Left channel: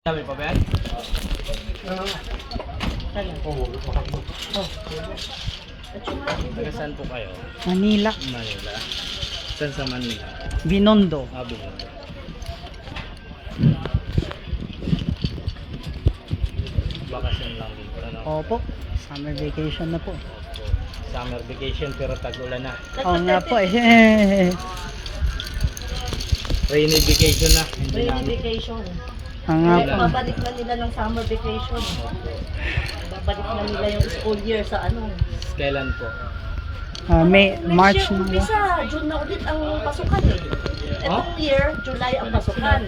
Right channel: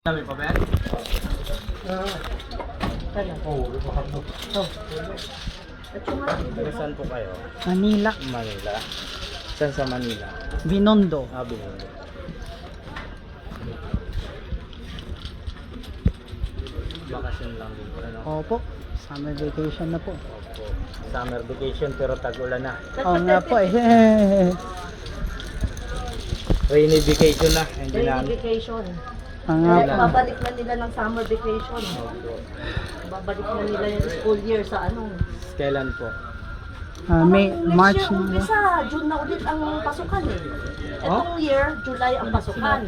Dami pa ba yan? Taga saan po kayo? Manila. Manila. Saan sa Manila? Binondo. Binondo. Bakasyon lang din po, ano? Opo. Summer vacation na po. Opo. Summer vacation pero tag-ulan na. Oo nga po eh. Rainy vacation na. Hindi Rainy namin. vacation. Ang nga po. Babalik na nila ng summer vacation. Opo. Babalik na nila yung school year sa ano. Kailan po? May March Next year, na. umpisa, June na ulit ang pasukan eh. Etong year, July ang pasukan.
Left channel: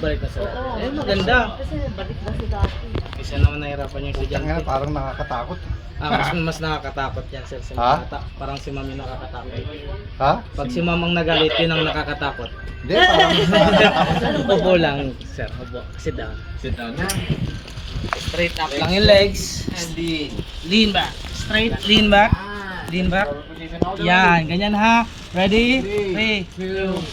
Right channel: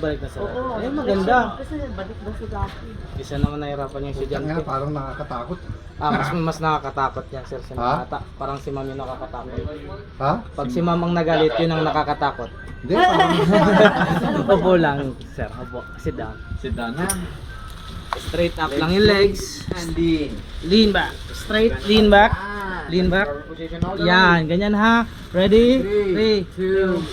Balik na sila. Oo. Eh, maganda. Kasi balik na sila. Isa naman nahirapan yung estudyante. Nga, parang nakakatakot. Mas nakakatakot yan, sir, si Ha? Mata. Parang si Mami nakakatakot. Ha? Pag si Mamang nagalit, yun ang nakakatakot. Hindi, parang Opo lang, sir. Opo. Sit down. sit down na. Straight up lang yung legs. And lean back. Straight, lean back. Lean back. Yan, ganyan ha. Ready? 3, 2,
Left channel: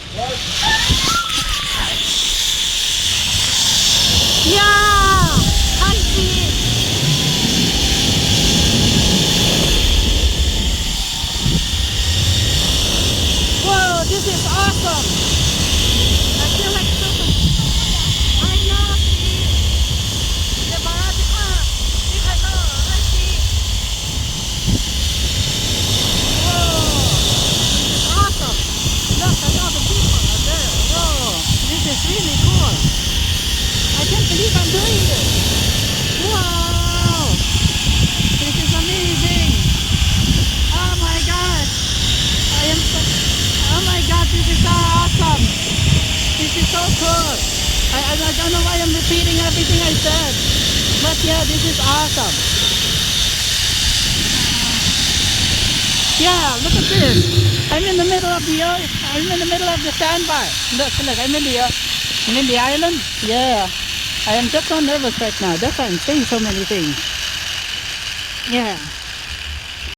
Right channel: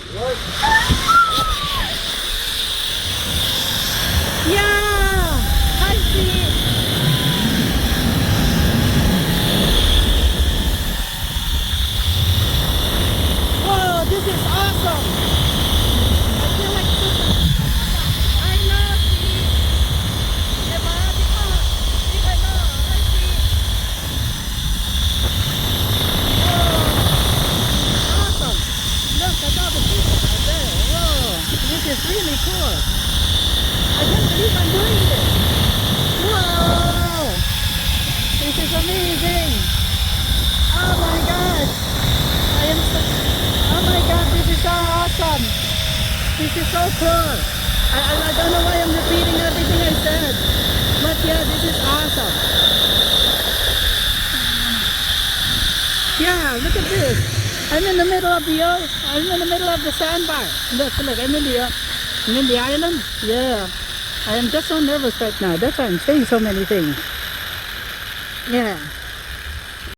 Yeah! Hi, Steve! Whoa, this is awesome! I feel like super. I know, Steve! Diba? Di ka na. Hi, Steve! Whoa! This is awesome! Look at all the people out there. Whoa! This is really cool! I can't believe I'm doing this. Wow! This is amazing. Oh my god. I am so, oh my god, this is so awesome. This is so cool. I don't know why I'm repeating everything I said. But yeah, this is awesome. Yeah, look at this. I'm in the middle of the sandbar. Look, I'm in the island. Yeah. I am just so nervous right now. That's why I'm saying so many things. Yeah.